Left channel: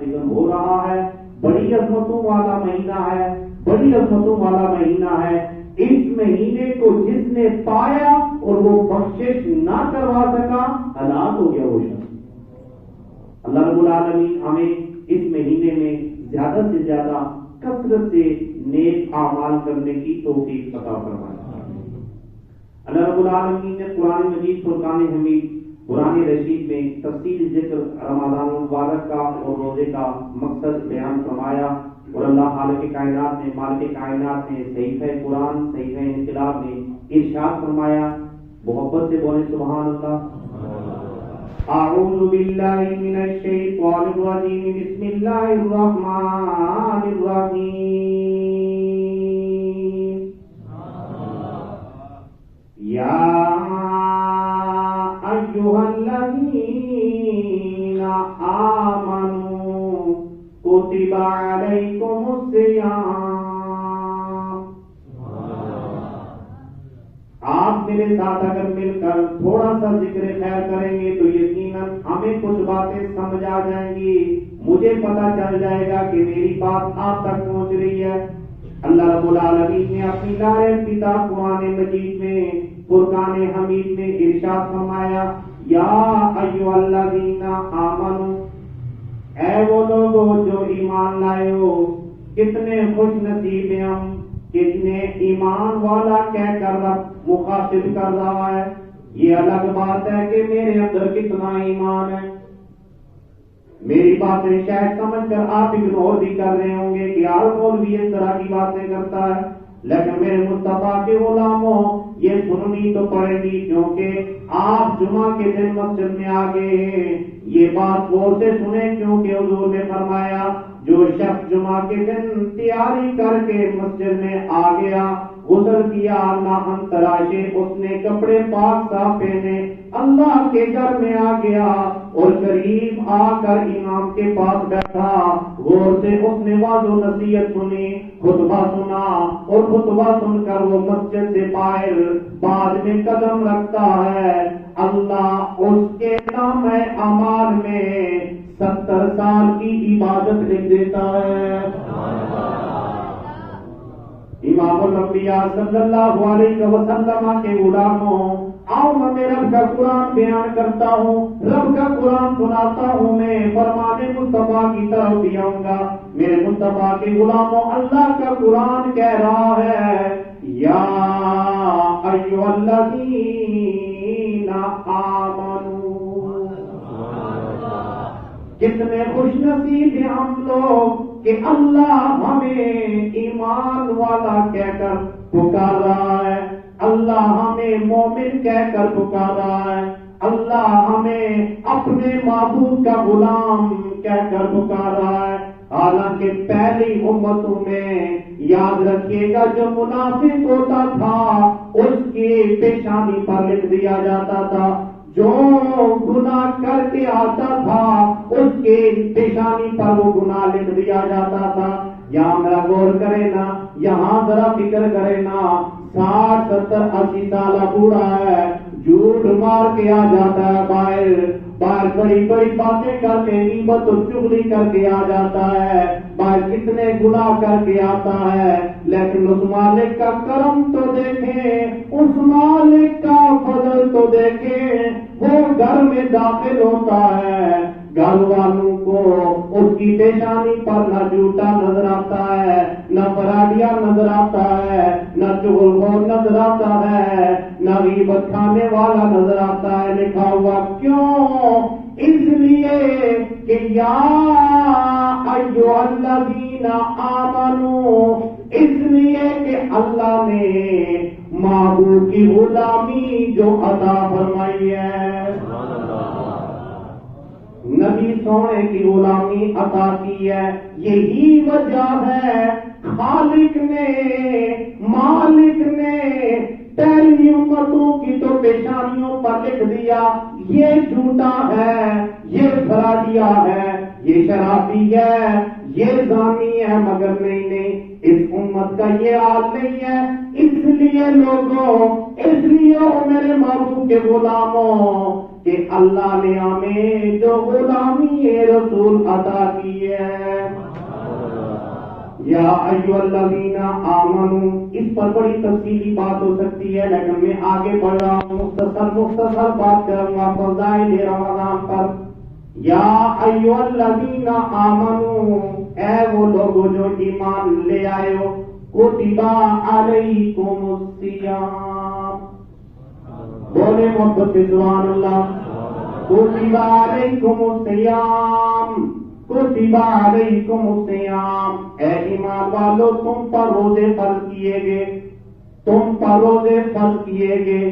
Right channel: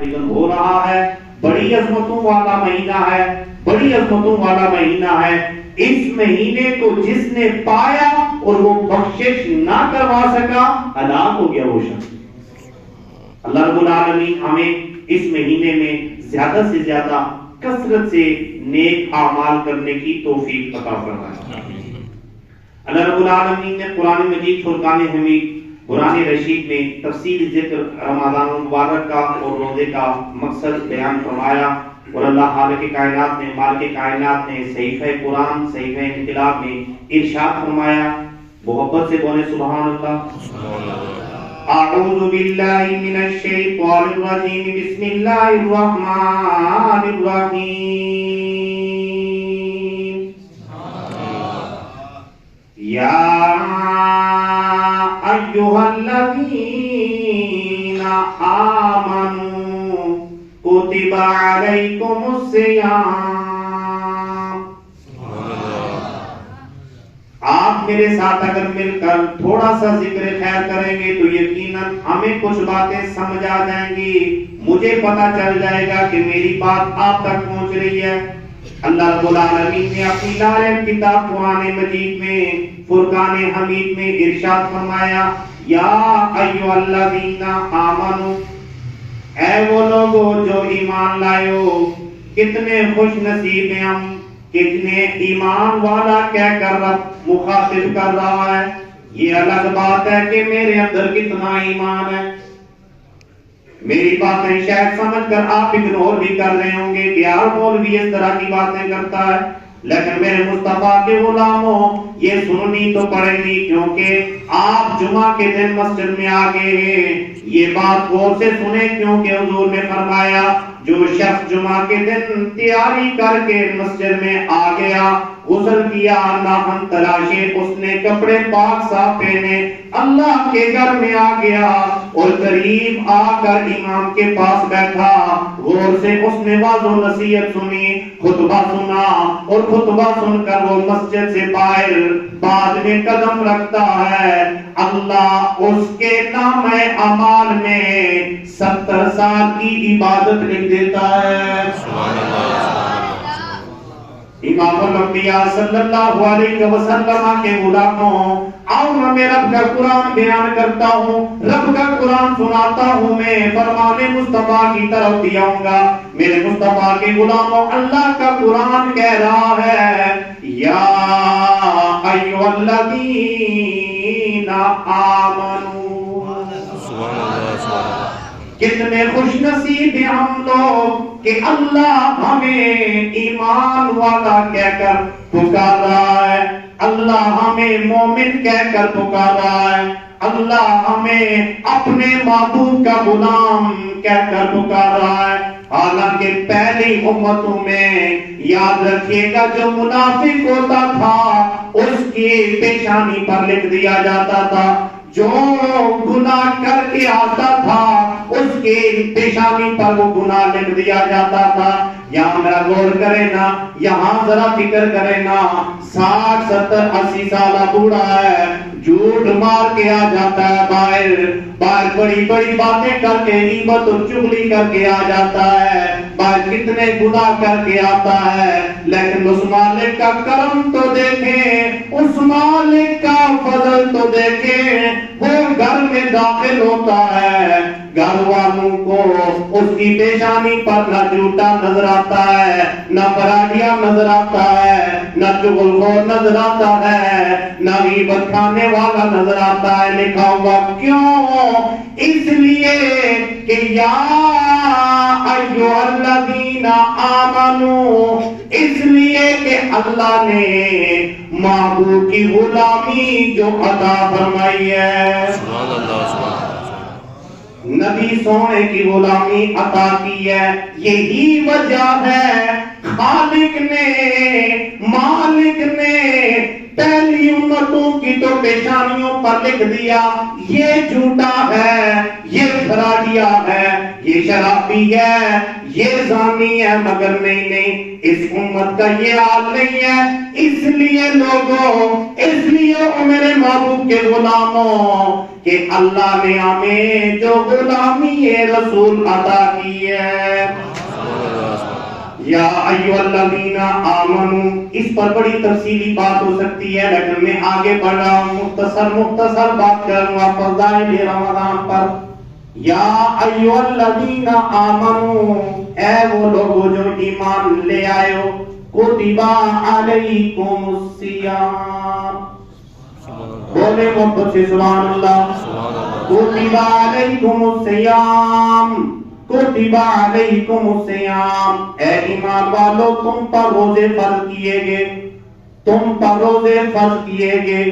لیکن ہو رہا ہے، بڑی عظمتوں والا مہینہ ہے، بڑی عظمتوں والا مہینہ ہے۔ اس مہینے کو جس نے پایا اور وہ بخشش نہ کروا سکا، ہلاک ہو گیا وہ شخص۔ اللہ رب العالمین ہمیں اس مہینے میں زیادہ سے زیادہ کثرت سے نیک اعمال کرنے کی توفیق عطا فرمائے۔ اللہ رب العالمین نے قرآن مجید فرقان حمید قرآن رشید میں تفصیل ذکر رمضان المبارک کا اور روزے کا مقصد بیان فرمایا، اور اللہ خالق کائنات نے، مالک کائنات نے صحیفہ قرآن صحیفہ انقلاب میں ارشاد فرمایا، محبت سے بولے سبحان اللہ۔ اعوذ باللہ من الشیطان الرجیم، بسم اللہ الرحمن الرحیم۔ یا ایھا الذین آمنوا کتب علیکم الصیام۔ آپ میرے ساتھ اگر مل کر تھوڑا سا ذکر خیر کریں گے تو یقیناً ہمیں کچھ باتیں سمجھ آ جائیں گی، مجھے پتا چل جائے گا کہ میری بات آپ تک پہنچ رہی ہے۔ اللہ رب العالمین نے اپنی لائق کتاب قرآن مجید میں فرقان حمید میں ارشاد فرمایا، یا ایھا الذین آمنوا، اے وہ لوگو جو ایمان لائے ہو۔ کتنے خوش نصیب ہیں ہم، کتنے ایمان والا کہہ کر رب مخاطب کر رہا ہے۔ یہ الگ بات ہے کہ میرے اندر کتنا ایمان ہے۔ میری باتیں شاید سمجھ کر آپ اگنور بھی کر رہے ہوں گے کہ یار مولوی اس طرح کی باتیں کرتا ہے، لیکن میرے مصطفیٰ کے غلاموں یہ سننی تو پڑے گی، کیونکہ آپ جمعہ کے دن مسجد میں آ گئے ہیں۔ یہ بات غور سے سنیں، کیونکہ حضور نے فرمایا جو شخص جمعہ کے دن تیاری کر کے مسجد میں آ گیا، غسل کیا، ناخن تراشے، اس نے کپڑے پاک صاف پہنے، اللہ کے گھر میں آ گیا اور قریب آ کر امام کے پاس بیٹھا، غور سے اس نے واعظ و نصیحت سنی، خطبہ سنا، اور خطبہ سن کر وہ مسجد سے باہر بعد میں قدم رکھتا ہے، اللہ اس کے نامہ اعمال میں 70 سال کی عبادت لکھ دیتا ہے۔ امام الانبیاء صلی اللہ علیہ وسلم کے غلاموں، آؤ میں رب کا قرآن بیان کرتا ہوں، رب کا قرآن سناتا ہوں، میں فرمان مصطفیٰ کی طرف بھی آؤں گا۔ میرے مصطفیٰ کے غلاموں، اللہ کا قرآن کہہ رہا ہے، یا ایھا الذین آمنوا۔ کتنے خوش نصیب ہیں ہم لوگ کہ اللہ ہمیں ایمان والا کہہ کر پکار رہا ہے، اللہ ہمیں مومن کہہ کر پکار رہا ہے، اللہ ہمیں اپنے معبود کا غلام کہہ کر پکار رہا ہے۔ حالانکہ پہلی امتوں میں یاد رکھیے گا جو منافق ہوتا تھا اس کی پیشانی پر لکھ دیا جاتا تھا، جو گناہ کر کے آتا تھا اس کی پیشانی پر وہ گناہ لکھ دیا جاتا تھا۔ یہاں میرا غور کرے نا، یہاں ذرا فکر کرے نا، 60 70 80 سالہ بوڑھا ہے، جھوٹ مار کے آ جاتا ہے، باہر بڑی بڑی باتیں کر کے غیبت اور چغلی کر کے آ جاتا ہے، باہر کتنے گناہ کر کے آتا ہے، لیکن اس مالک کا کرم تو دیکھیں، اس مالک کا فضل تو دیکھیں، وہ گھر میں داخل ہوتا ہے، گھر والوں کو اس کی پیشانی پر نہ جھوٹا نظر آتا ہے، نہ فراڈیا نظر آتا ہے، نہ چغل خور نظر آتا ہے، نہ غیبت کھانے والا نظر آتا ہے۔ لکھا ہوا کیوں؟ اس لیے کہ یا ایھا الذین آمنوا، اس لیے کہ اللہ نے معبود کی غلامی جو عطا فرمائی ہے، نبی سونے کی غلامی عطا کی ہے، یہی وجہ ہے خالق نے، مالک نے پہلی امتوں کی تو پیشانیوں پر لکھ دیا یہ جھوٹا ہے، یہ فراڈیا ہے، یہ شرابی ہے، یہ زانی ہے، مگر نہیں، اس امت کا یہ حال نہیں ہے۔ اس لیے لوگوں، اس لیے او میرے محبوب کے غلاموں، کہ اللہ نے ہمیں جو غلامی رسول عطا کی ہے، یا ایھا الذین آمنو، اس پر بڑی تفصیلی بات ہو سکتی ہے، لیکن میں آگے بڑھ رہا ہوں، مختصر بات کروں گا فضائل رمضان پر۔ یا ایھا الذین آمنو، اے وہ لوگوں جو ایمان لے آئے ہو، کتب علیکم الصیام، بولے محبت سے سبحان اللہ، کتب علیکم الصیام، کتب علیکم الصیام، اے ایمان والو تم پر روزے فرض کیے گئے، تم پر روزے فرض کیے گئے،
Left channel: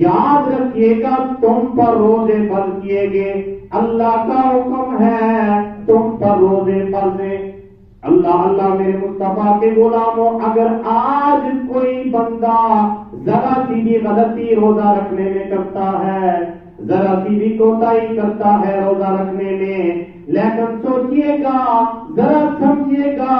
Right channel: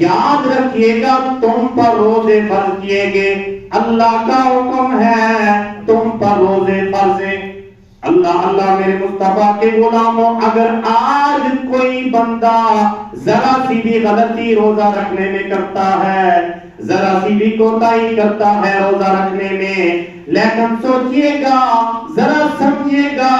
یاد رکھیے گا تم پر روزے فرض کیے گئے، اللہ کا حکم ہے تم پر روزے فرض ہیں۔ اللہ میرے مصطفیٰ کے غلاموں، اگر آج کوئی بندہ ذرا سی بھی غلطی روزہ رکھنے میں کرتا ہے، ذرا سی بھی کوتاہی کرتا ہے روزہ رکھنے میں، لیکن سوچئے گا، ذرا سمجھئے گا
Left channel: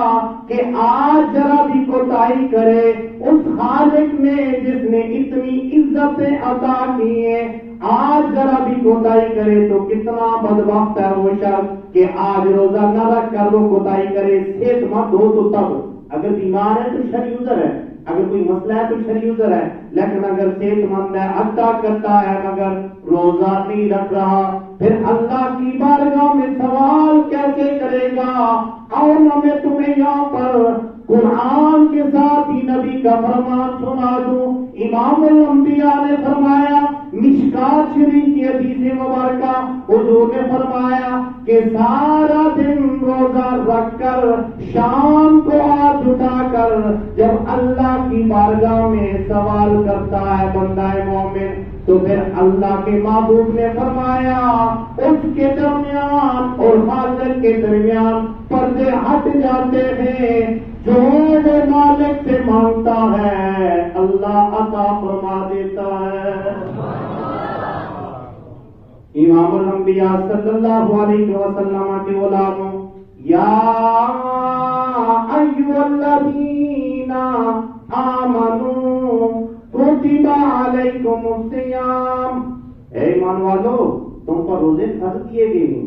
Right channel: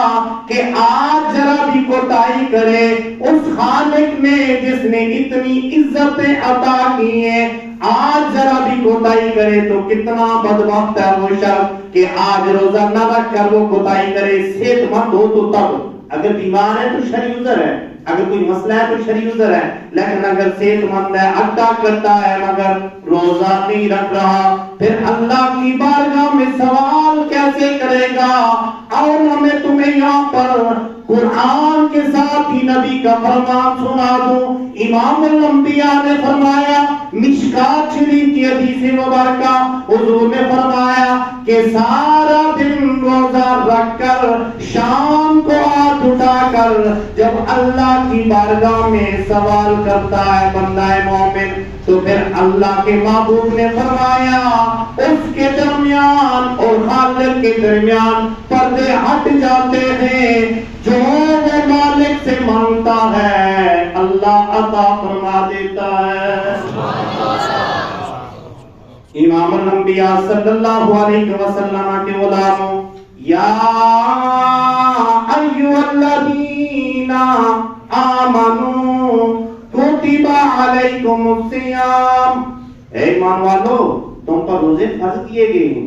کہ آج ذرا بھی کوتاہی کرے اس خالق نے جس نے اتنی عزتیں عطا کی ہیں، آج ذرا بھی کوتاہی کرے تو کتنا بدبخت ہے وہ شخص کہ آج روزہ نہ رکھ کر وہ کوتاہی کرے۔ صحت مند ہو تو تب، اگر بیمار ہے تو شرعی عذر ہے، اگر کوئی مسئلہ ہے تو شرعی عذر ہے، لیکن اگر صحت مند ہے، عطا کرتا ہے مگر روزہ نہیں رکھ رہا، پھر اللہ کی بارگاہ میں سوال کیسے کرے گا؟ اور میں تمہیں یہاں پر قرآن کے ساتھ ہی نبی کا فرمان سنا دوں۔ امام الانبیاء نے فرمایا، مشکات شریف کی حدیث مبارکہ، حضور نے فرمایا کہ سارا دن روزہ رکھ کر شام کو ہاتھ اٹھا کر جب اللہ کی بارگاہ میں سوال کرتا ہے بندہ مومن، تو پھر اللہ کے محبوب نے فرمایا اس کے درمیان اور خالق کے درمیان پردے ہٹ جاتے ہیں، جو وہ مالک سے مانگتا ہے اللہ عطا فرما دیتا ہے۔ امام الانبیاء صلی اللہ علیہ وسلم کے غلاموں، یا ایھا الذین آمنو کتب علیکم الصیام، اے ایمان والو تم پر روزے فرض کیے گئے ہیں،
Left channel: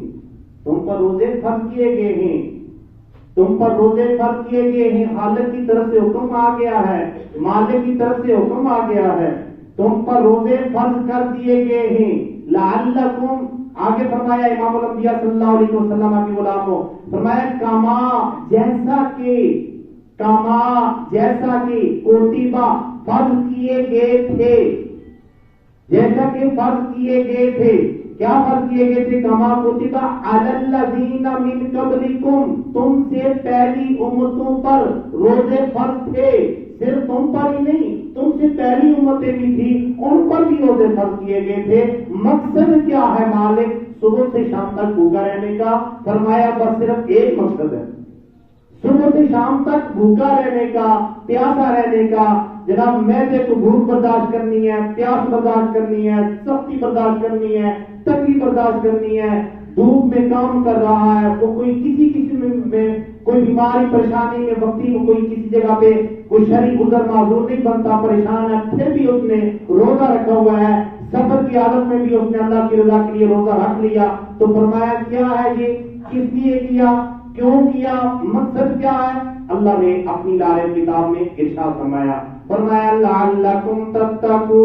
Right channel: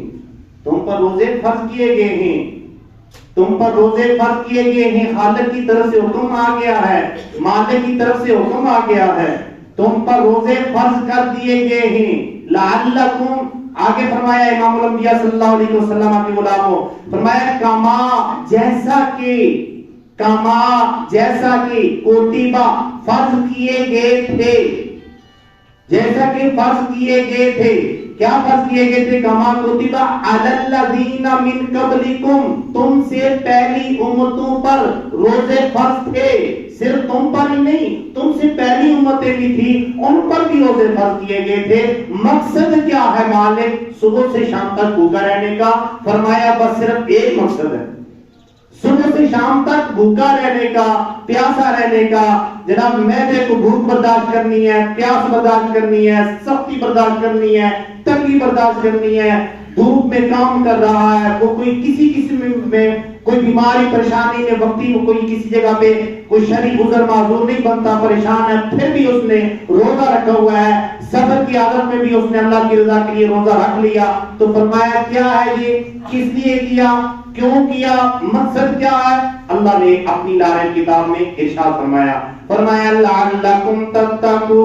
تم پر روزے فرض کیے گئے ہیں، تم پر روزے فرض کیے گئے ہیں، خالق کی طرف سے حکم آ گیا ہے، مالک کی طرف سے حکم آ گیا ہے، تم پر روزے فرض کر دیے گئے ہیں، لعلکم، آگے فرمایا امام الانبیاء صلی اللہ علیہ وسلم کے غلاموں، فرمایا جیسا کہ کتبہ فرض کیے گئے تھے، جیسا کہ فرض کیے گئے تھے، کیا فرض کیے گئے تھے؟ کما کتبہ علی الذین من قبلکم، تم سے پہلی امتوں پر روزے فرض تھے، صرف تم پر ہی نہیں، تم سے پہلی امتیں بھی تھی ان پر بھی روزے فرض کیے گئے تھے۔ مقصد کیا ہے مالک صبح سے شام تک بھوکا رہنے کا؟ فرمایا بس صرف ایک مقصد ہے، صبح سے شام تک بھوکا رہنے کا، پیاسا رہنے کا، جناب معدے کو بھوک برداشت کرنی ہے، پیاس برداشت کرنی ہے، سختی برداشت کرنی ہے، تنگی برداشت کرنی ہے، دھوپ میں کام کر رہا ہے، وہ کوئی کسی قسم میں کوئی بیماری پریشانی میں وقتی میں کوئی کسی جگہ پہ کوئی شرعی عذر معذور نہیں بنتا، پریشان ہے، پھر بھی اس نے روزہ رکھا ہوا ہے، سفر کی حالت میں بھی اس نے اللہ کی رضا کے لیے روزہ رکھ لیا، تو فرمایا کیا ہے یہ، کس لیے کیا، کیوں کیا، مقصد کیا ہے؟ اللہ نے اپنی لارے کتاب میں ارشاد فرمایا لعلکم تتقون،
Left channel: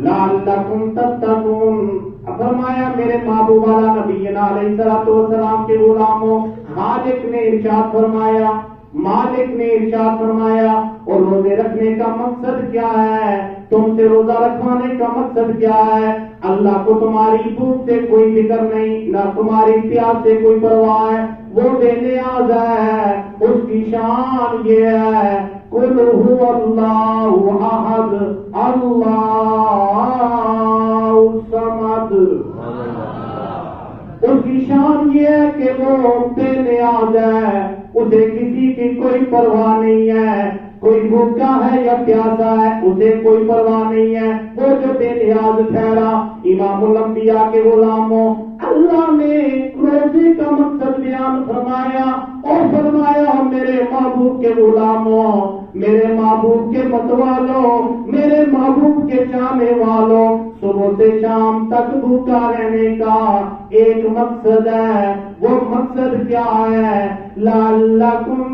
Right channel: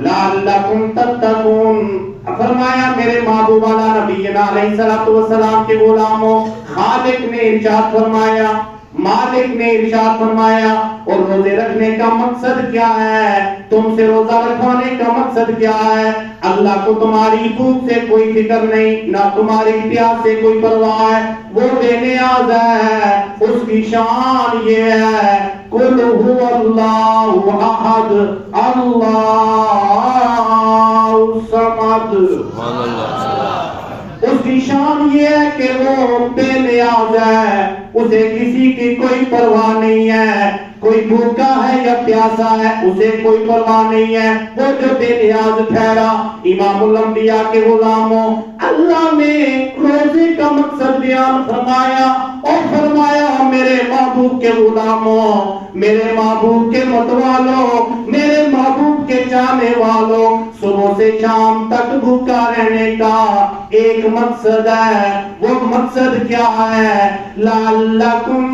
لعلکم تتقون، فرمایا میرے محبوب والا نبینا علیہ الصلوۃ والسلام کے غلاموں، خالق نے ارشاد فرمایا، مالک نے ارشاد فرمایا، اور روزے رکھنے کا مقصد کیا ہے؟ تم سے روزہ رکھوانے کا مقصد کیا ہے؟ اللہ کو تمہاری بھوک سے کوئی فکر نہیں، نہ تمہاری پیاس سے کوئی پرواہ ہے، وہ بے نیاز ہے، اس کی شان یہ ہے قل هو اللہ احد اللہ الصمد، اس کی شان یہ ہے کہ وہ بے نیاز ہے، اسے کسی کی کوئی پرواہ نہیں ہے، کوئی بھوکا ہے یا پیاسا ہے اسے کوئی پرواہ نہیں ہے، وہ جو بے نیاز ٹھہرا۔ امام الانبیاء کے غلاموں، اللہ نے روزے کا مقصد بیان فرمایا اور فرمایا میرے محبوب کے غلاموں، میرے محبوب کے متوالوں، میرے محبوب کے چاہنے والوں، صبح سے شام تک بھوکا رہنے کا ایک مقصد ہے۔ وہ مقصد کیا ہے؟ لعلکم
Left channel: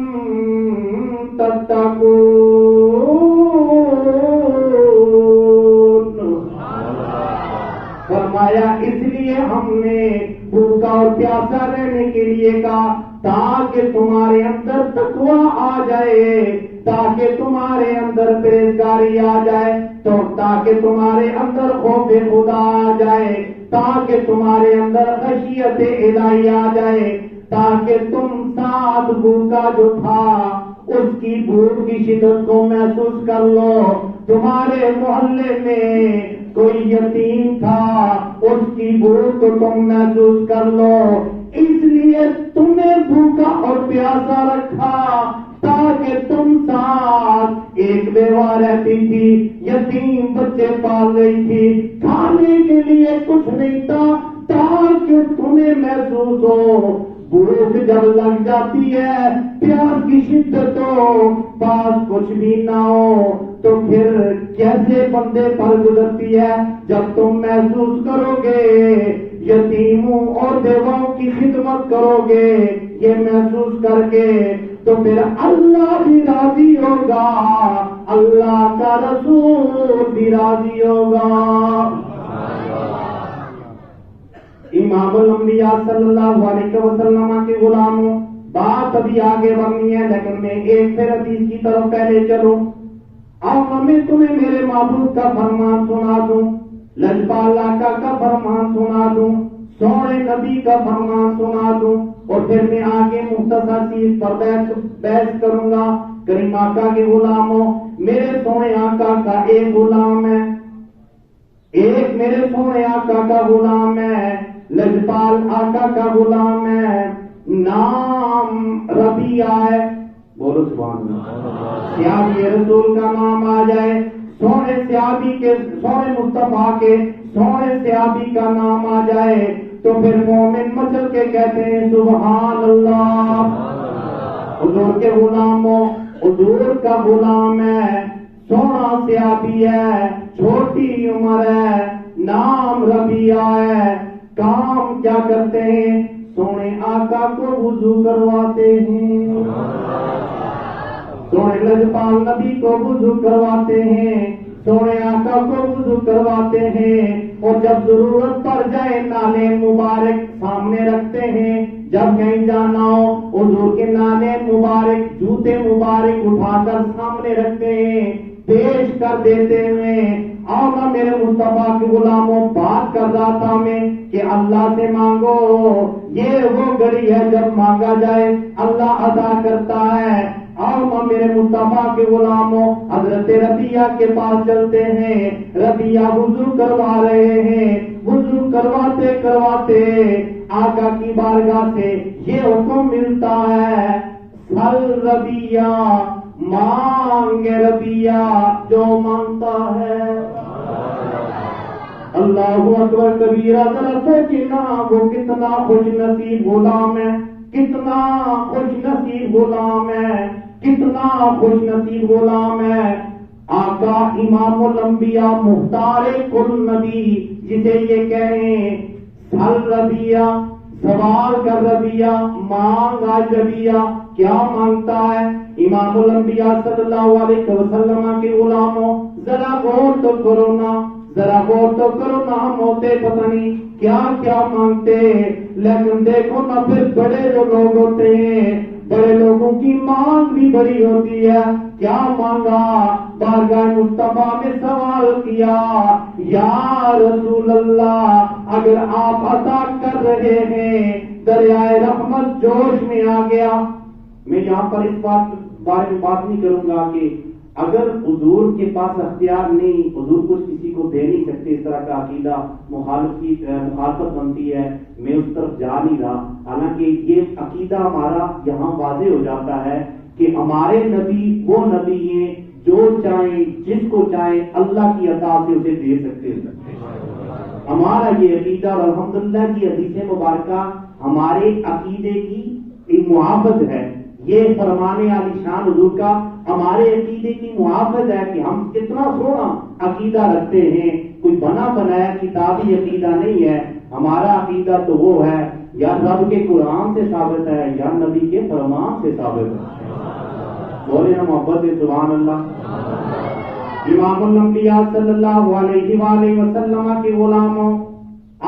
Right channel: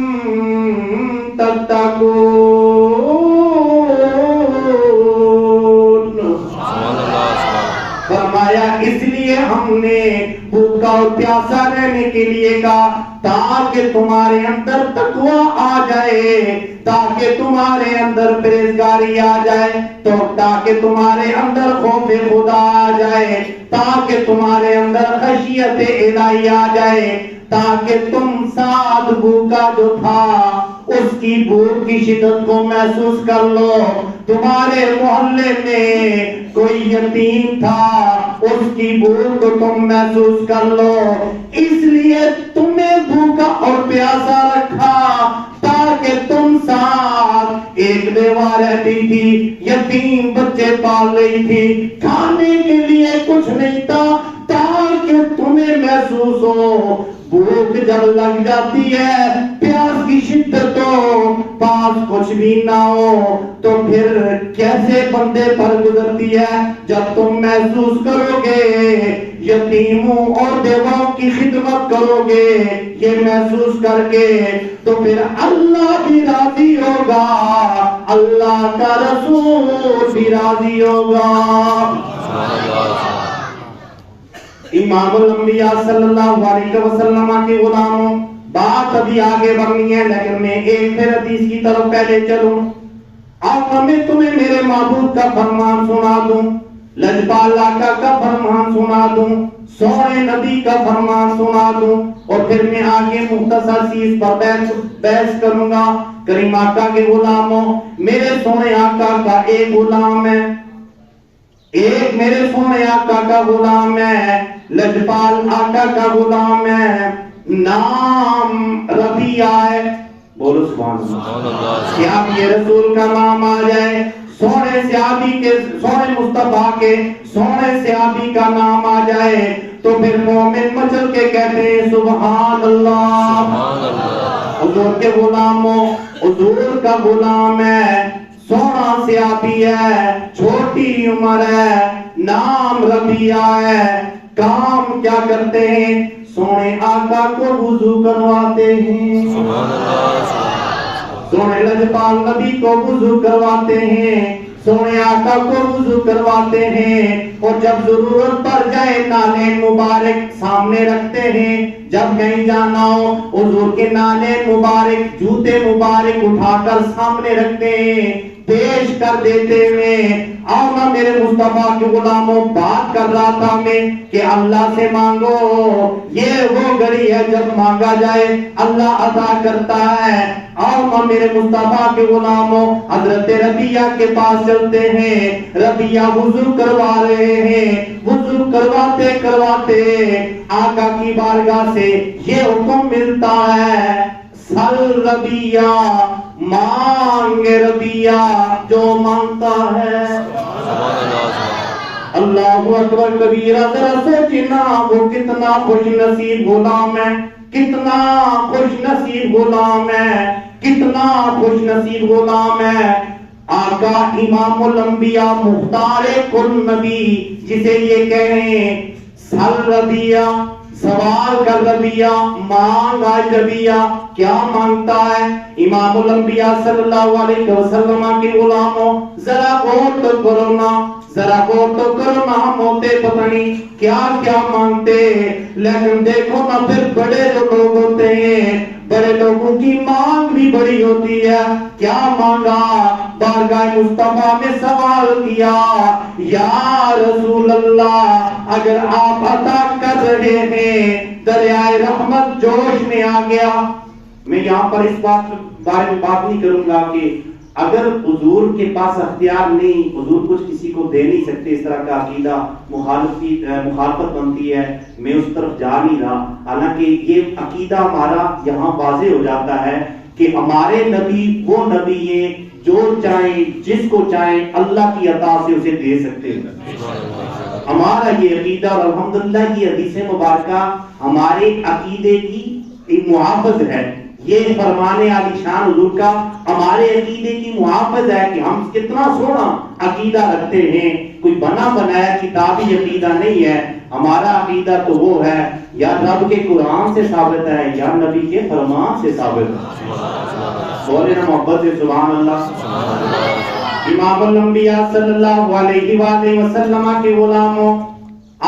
تتقون۔ فرمایا اس لیے ہم نے بھوکا اور پیاسا رہنے کے لیے کہا تاکہ تمہارے اندر تقوی آ جائے، تاکہ تمہارے اندر پرہیزگاری آ جائے، تو تاکہ تمہارے اندر خوف خدا آ جائے، تاکہ تمہارے اندر خشیت الہی آ جائے، تاکہ تم ساتھ بھوکا جو تھا اس کی بھوک کی شدت کو محسوس کر لو۔ تمہارے محلے میں کوئی یتیم تھا، اس کی بھوک کو تم محسوس کر لو، اس لیے تمہیں بھوکا اور پیاسا رکھا تاکہ تم ساتھ ایک بیوہ رہتی تھی، یتیم بچے پال رہی تھی، کھانے کے لیے کچھ نہیں تھا، تاکہ تمہیں محسوس ہو بھوک جب لگ جاتی ہے، پیاس کی شدت ہو، پاس کچھ بھی نہ ہو تو پھر کیسے بندے پر گزرتی ہے۔ جب تم محسوس کرو گے، یتیموں اور بیواؤں کی خدمت کرو گے، یہ محسوس کر کے تو پھر اللہ بھی راضی ہوگا، اللہ کا رسول بھی راضی ہوگا۔ امام الانبیاء صلی اللہ علیہ وسلم کے غلاموں، بات ابھی آگے بڑھنی ہے لیکن میں ایک پھر حدیث کی طرف پہلے چلوں۔ اب میں تمہیں میرے محبوب کا فرمان سنا دوں، لجپال آقا کا فرمان سنا دوں، سونے نبی کا فرمان سنا دوں، اور پھر میں آگے مختصر سی اس پر بحث کروں گا۔ کریم آقا کے غلاموں، میرے سونے آقا کا ایک غلام ہے، ایک میرے سونے آقا کا غلام ہے، لجپال آقا کا غلام ہے، نام ربیہ ہے، بولو سبحان اللہ۔ صحابی رسول کا نام آ جائے، سونے صحابی کے، سونے مصطفیٰ کے سونے صحابی کا نام آ جائے تو پھر مومن مچل کے کہتے ہیں سبحان اللہ۔ حضور کے غلاموں، حضور کا غلام ہے، سونا صحابی ہے، چھوٹی عمر ہے، نام ربیہ ہے، کام کیا کرتے ہیں؟ سونے آقا کو وضو کرواتے ہیں، سونے لجپال نبی کو وضو کرواتے ہیں، سونے آقا کو وضو کرواتے ہیں، اور جب ضرورت پڑ جائے نالین مبارک سامنے رکھتے ہیں، جب کہیں جانا ہو حضور کے نالین مبارک، جوتے مبارک اٹھا کر سامنے رکھتے ہیں، پیش کر دیتے ہیں۔ آنا میرے مصطفیٰ کے غلاموں، بات کر رہا تھا میں کہ اللہ سے مانگو، یہ وہ گھڑی ہے جب مانگا جائے اللہ عطا کرتا ہے۔ آنا میرے مصطفیٰ کے غلاموں، حضرت ربیہ کے پاس چلتے ہیں، ربیہ وضو کروا رہے ہیں، وضو کرواتے کرواتے آقا کی بارگاہ سے یہ حکم ملتا ہے، سل ربیہ، مانگ ربیہ، جو مانگتا ہے۔ اللہ اکبر کبیرہ، ذرا سوچنا وہ کتنا خوش نصیب غلام ہے، کتنا خوش نصیب غلام ہے، کتنا خوش نصیب غلام ہے۔ آقا امام الانبیاء مختار کل نبی جسے یہ کہیں سل ربیہ، سوال کر ربیہ، مانگ آج ربیہ، کیا مانگتا ہے؟ امام الانبیاء صلی اللہ علیہ وسلم کے غلاموں، ذرا غور تو کرو نا، ذرا غور تو کرو نا، ہم ہوتے پتہ نہیں کیا کیا مانگتے، لیکن دیکھو نا پھر بڑے جو لوگ ہوتے ہیں، بڑے لوگوں کی مانگ بھی بڑی ہوتی ہے۔ کیا مانگا؟ بارگاہ مصطفیٰ میں سوال کیا، یا رسول اللہ اگر آپ عطا کر رہے ہیں، دریائے رحمت جوش میں آ گیا۔ میں یہاں پر اس بات بارے میں بات نہیں کروں گا کہ اگر حضور کے پاس اختیار نہیں، حضور کچھ کسی کو دے نہیں سکتے، اس طرح کا عقیدہ مخالفت بنتی ہے، میں اس طرف جا نہیں رہا۔ حالانکہ یہ عقیدہ ہمارا یہاں واضح ہو جاتا ہے کہ ہمارے نبی وہ نبی ہیں جو چاہیں جس کو چاہیں اللہ کی عطا سے اسے دے سکتے ہیں. ہمارا یہ عقیدہ اور الحمدللہ یہ حدیث مبارکہ ہمارے عقیدے کی ایک محافظ ہے. یہ فرمان عالی شان حضور کا ہمارے عقیدے کی محافظ ہے کہ ہم کتنا سونا عقیدہ رکھتے ہیں. کوئی بنا بنایا کتابی عقیدہ نہیں ہے. ہمارا عقیدہ تو وہ ہے یا رب کے قرآن سے ثابت ہے یا نبی کے فرمان سے ثابت ہے. بولے نا محبت سے سبحان اللہ. امام الانبیاء صلی اللہ علیہ وآلہ وسلم کے غلاموں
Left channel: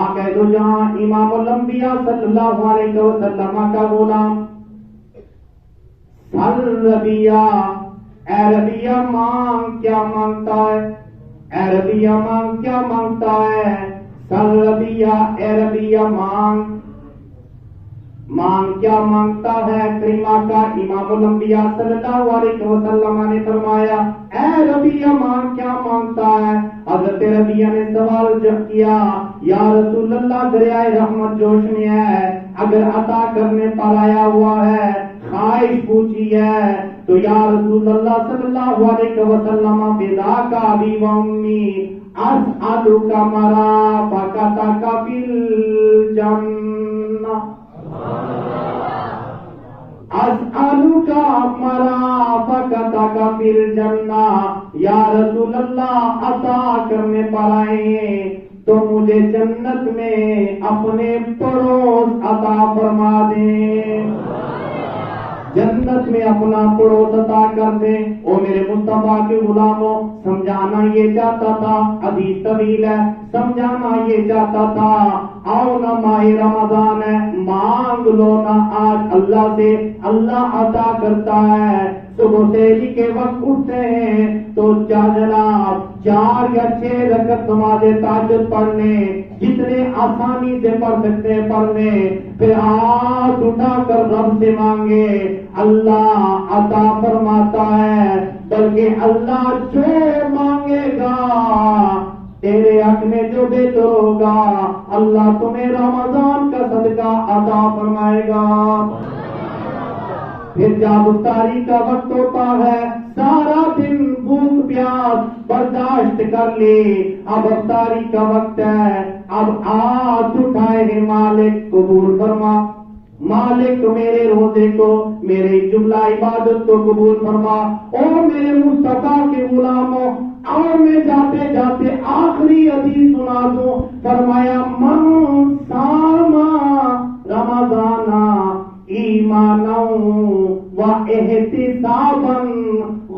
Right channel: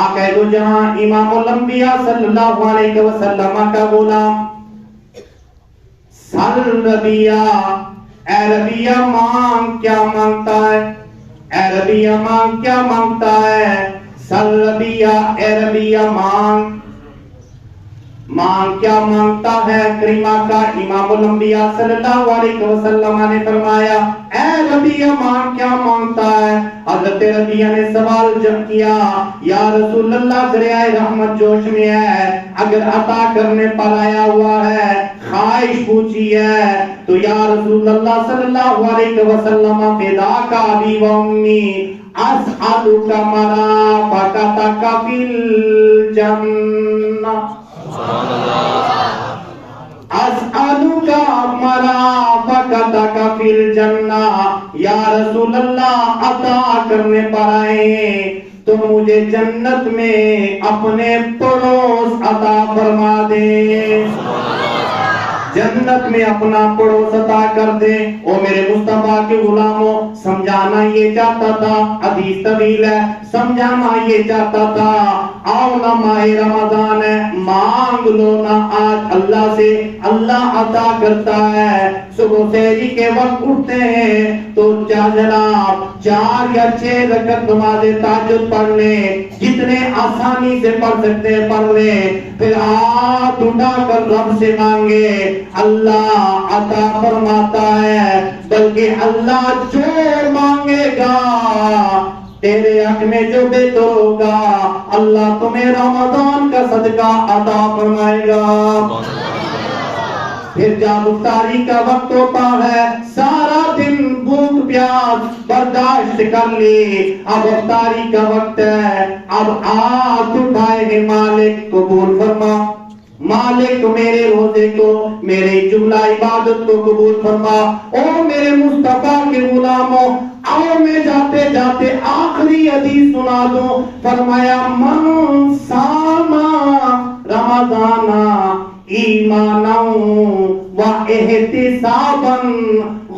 آقا دو جہاں امام الانبیاء صلی اللہ علیہ وسلم کا غلام سل ربیہ اے ربیہ مانگ کیا مانگتا ہے, اے ربیہ مانگ کیا مانگتا ہے. سل ربیہ اے ربیہ مانگ کیا مانگتا ہے. کریمہ کا امام الانبیاء صلی اللہ علیہ وسلم نے فرمایا اے ربیہ مانگ کیا مانگتا ہے. حضرت ربیہ نے سوال جب کیا یا رسول اللہ دریائے رحمت جوش میں ہے, اگر عطا کرنے پر آیا ہوا ہے, خواہش پوچھی ہے تو یا رسول اللہ صلی اللہ علیہ وسلم فداک ابی و امی اسألک مرافقتک فی الجنہ اسألک مرافقتک فی الجنہ. یا رسول اللہ عطا کرنے پر آئے تو مجھے جنت میں اپنے پڑوس عطا فرما دے, جنت میں اپنا پڑوس عطا کر دے. او میرے مصطفیٰ کے غلاموں, سمجھانا یہ چاہتا تھا, حدیث طویل ہے, سمجھانا یہ چاہتا تھا آؤ نا ماہ رمضان ہے, مانگ لو نا آج اللہ سے, اللہ عطا کرتا ہے. صبح سحری کے وقت اٹھتے ہیں تو جناب 4 یا 6 رکعت نماز تہجد پڑھ لیں, جتنے آسانی سے پڑھ سکتے ہیں پڑھ لیں, پھر ہاتھ اٹھا کر رب سے مانگے, اللہ عطا فرماتا ہے. بلکہ اللہ جو مانگے گا تیرے حق میں جو بہتر ہوگا اللہ تمہیں رمضان کا صدقہ عطا فرمائے گا. پھر جب افطاری کا وقت ہوتا ہے, سارا دن بھوک پیاس برداشت کر لی, اب افطاری کا وقت ہے, اب ہاتھ اٹھائے ہیں, مالک قبول فرما, مالک میرے روزے کو, میرے جملہ عبادت کو قبول فرما. او میرے مصطفیٰ کے غلاموں, آؤ میں جاتے جاتے آخری حدیث سنا دوں. فرمایا من ساما رمضان ایمانا و احتسابا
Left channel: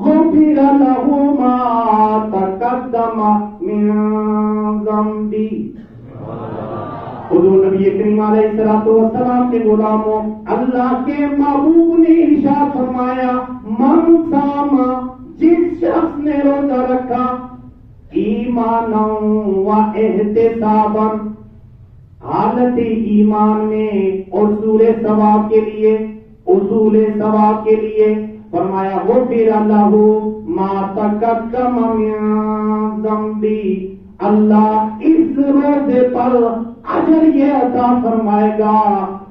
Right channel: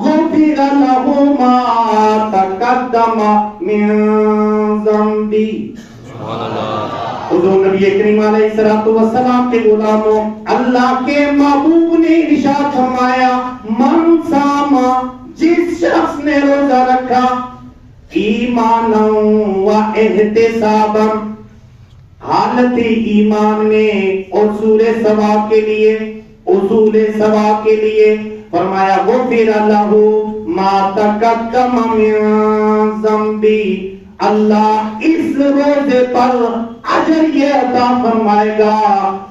غفر له ما تقدم من ذنبی. حضور نبی کریم علیہ الصلوۃ والسلام کے غلاموں, اللہ کے محبوب نے ارشاد فرمایا من ساما, جس شخص نے روزہ رکھا, ایمانا و احتسابا, حالت ایمان میں اور اصول ثواب کے لیے, اصول ثواب کے لیے, فرمایا غفر له ما تقدم من ذنبی, اللہ اس روزے پر اجر یہ عطا فرمائے گا,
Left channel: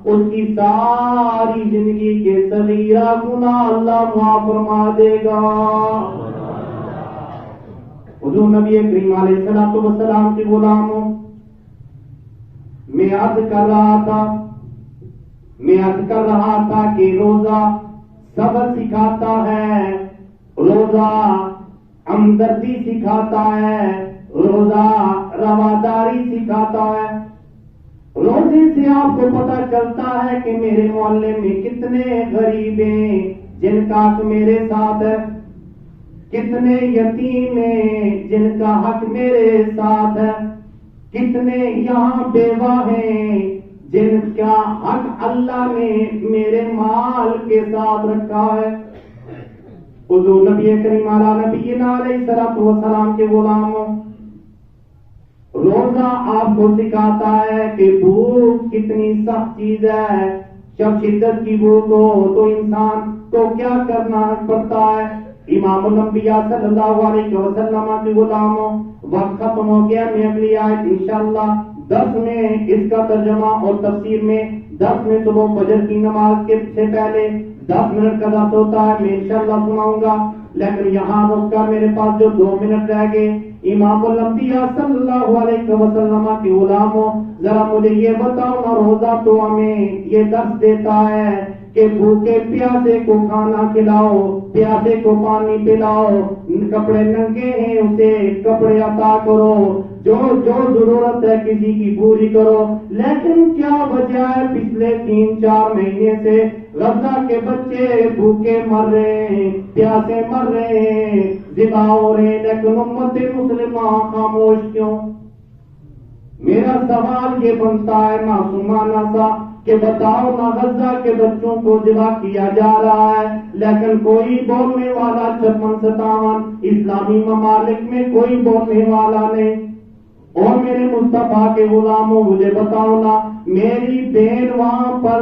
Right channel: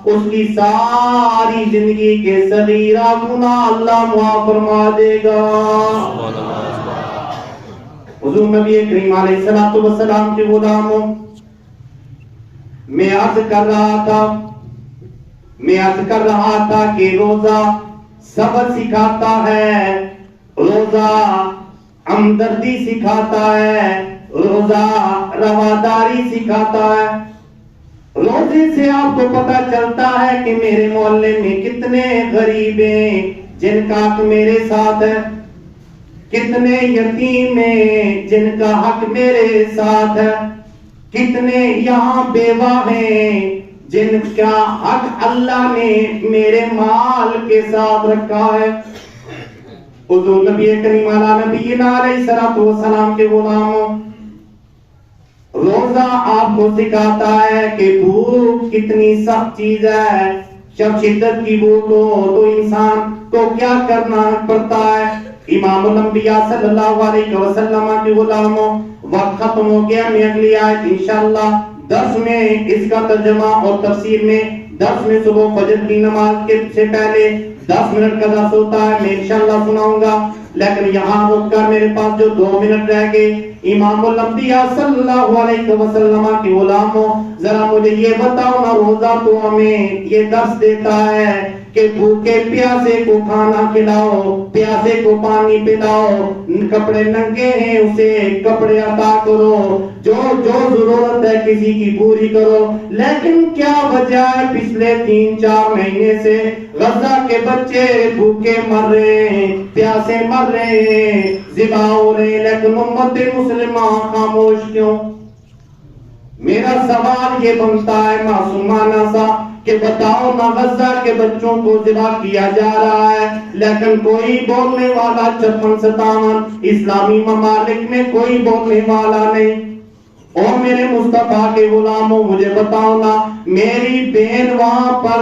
اس کی ساری زندگی کے صغیرہ گناہ اللہ معاف فرما دے گا. حضور نبی کریم علیہ الصلوۃ والسلام کے غلاموں, میں عرض کر رہا تھا کہ روزہ صبر سکھاتا ہے, روزہ ہمدردی سکھاتا ہے, روزہ رواداری سکھاتا ہے. روزے سے آپ کو پتہ چلتا ہے کہ میرے محلے میں کتنے غریب ہیں جن کا حق میرے ساتھ ہے, کتنے یتیم ہیں جن کا حق میرے ساتھ ہے, کتنے یہاں بیوہ ہیں جن کا حق اللہ نے میرے مال کے ساتھ رکھا ہے. حضور نبی کریم علیہ الصلوۃ والسلام کے غلاموں, روزہ آپ کو سکھاتا ہے کہ بھوک کتنی سخت چیز ہے. جب شدت کی بھوک ہو تو انسان کو کیا کرنا پڑتا ہے. امام الانبیاء صلی اللہ علیہ وسلم کے غلاموں, وقت ختم ہو گیا. میں اگلی آیت انشاءاللہ 10 میں اس کا ترجمہ اور تفسیر میں 10 میں صبح فجر کی نماز کے سے پہلے 10 منٹ کا درس ہوتا ہے، میں انشاءاللہ سناؤں گا، لیکن یہاں رک کر میرے پاس جو 2 منٹ رہ گئے، امام الانبیاء صلی اللہ علیہ وسلم کے غلاموں، ذرا مجھے یہ بتاؤ نا، روزہ تو ہمیں یہ درس دیتا ہے کہ بھوکے پیاسے کو کھانا کھلاؤ، پیاسے کو پانی پلاؤ، کپڑے ننگے ہیں اسے کپڑے عطا کرو، جو ضرورت ہے کسی کی پوری کرو، لیکن کیا وجہ ہے پچھلے 3-4 مہینے سے غزہ کے بچے بھوکے مر رہے ہیں، پیاسے مر رہے ہیں، ذبح ہو رہے ہیں، لیکن امت مسلمہ خاموش کیوں؟ میرا سوال یہ بنتا ہے معصومانہ سا کہ بتاؤ نا، غزہ کے بچوں کو ذبح کیا جا رہا ہے لیکن کوئی بولنے والا 56-57 اسلامی ممالک میں کوئی بولنے والا نہیں۔ اور میرے مصطفیٰ کے غلاموں مجھے بتاؤ نا، میری بہن وہاں پر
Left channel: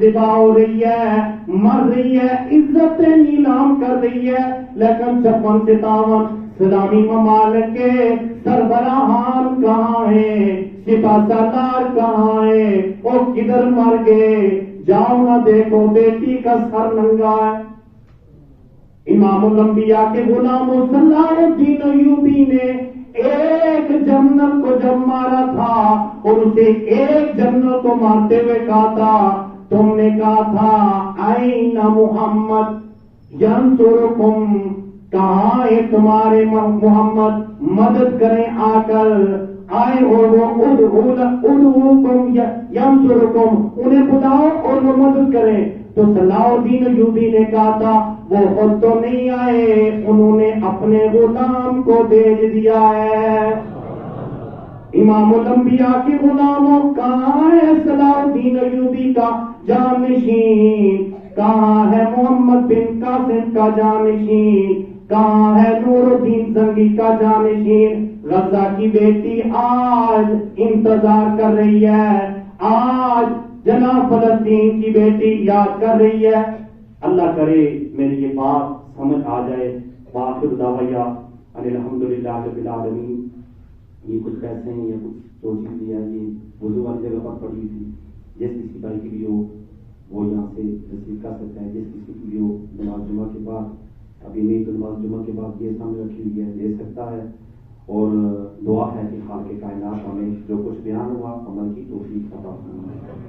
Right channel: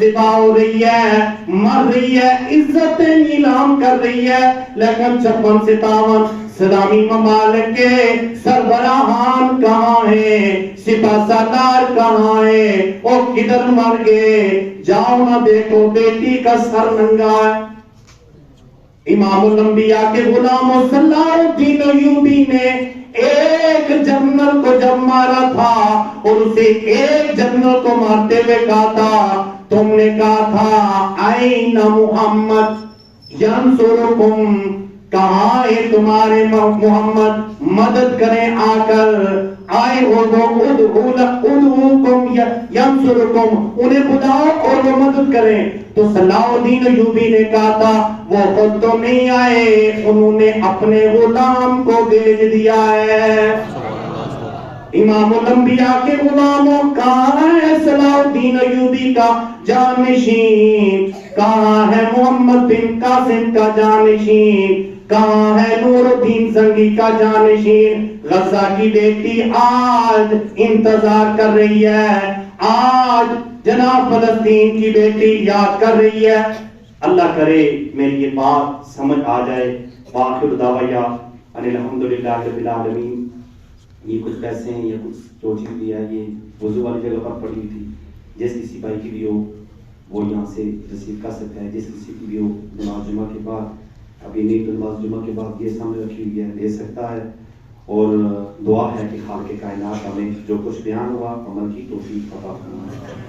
ذبح ہو رہی ہے، مر رہی ہے، عزتیں نیلام کر رہی ہے، لیکن 56-57 اسلامی ممالک کے سربراہان کہاں ہیں، سپاہ سالار کہاں ہیں، اور کدھر مر گئے؟ جاؤ نہ دیکھو، بیٹی کا سر ننگا ہے۔ امام الانبیاء کے غلاموں صلاح الدین ایوبی نے ایک جنرل کو جب مارا تھا اور اسے ایک جنرل کو مارتے ہوئے کہا تھا، تم نے کہا تھا این محمد ینصرکم، کہاں ہے تمہارے محمد، مدد کریں آ کر، آئے اور وہ ادعوکم ینصرکم، انہیں بلاؤ اور وہ مدد کریں۔ تو صلاح الدین ایوبی نے کہا تھا وہ خود تو نہیں آئے، انہوں نے اپنے غلام کو بھیج دیا ہے۔ امام الانبیاء کے غلاموں، کہاں ہے صلاح الدین ایوبی کا جانشین، کہاں ہے محمد بن قاسم کا جانشین، کہاں ہے نور الدین زنگی کا جانشین؟ غزہ کی بیٹی آج انتظار کر رہی ہے، آج جناب فلسطین کی بیٹی یاد کر رہی ہے۔ اللہ کرے میری یہ بات سمجھ آ جائے۔ وآخر دعوایا ان الحمدللہ رب العالمین۔ یہ کچھ پیسے ہیں یا کچھ جو چیز بھی ہے، یہ وضو والی جگہ پر پڑی تھی، جس کسی بھائی کی بھی ہو وہ یہاں سے رسیو کر سکتا ہے، جس کسی کی بھی ہو نماز جمعہ کے بعد، ابھی نہیں تو نماز جمعہ کے بعد یہ سامنے رکھی ہوئی ہے، لے سکتا ہے۔ اور دعا ہے کہ خالق کائنات ہمیں جو کچھ بیان ہوا عمل کی توفیق عطا فرمائے۔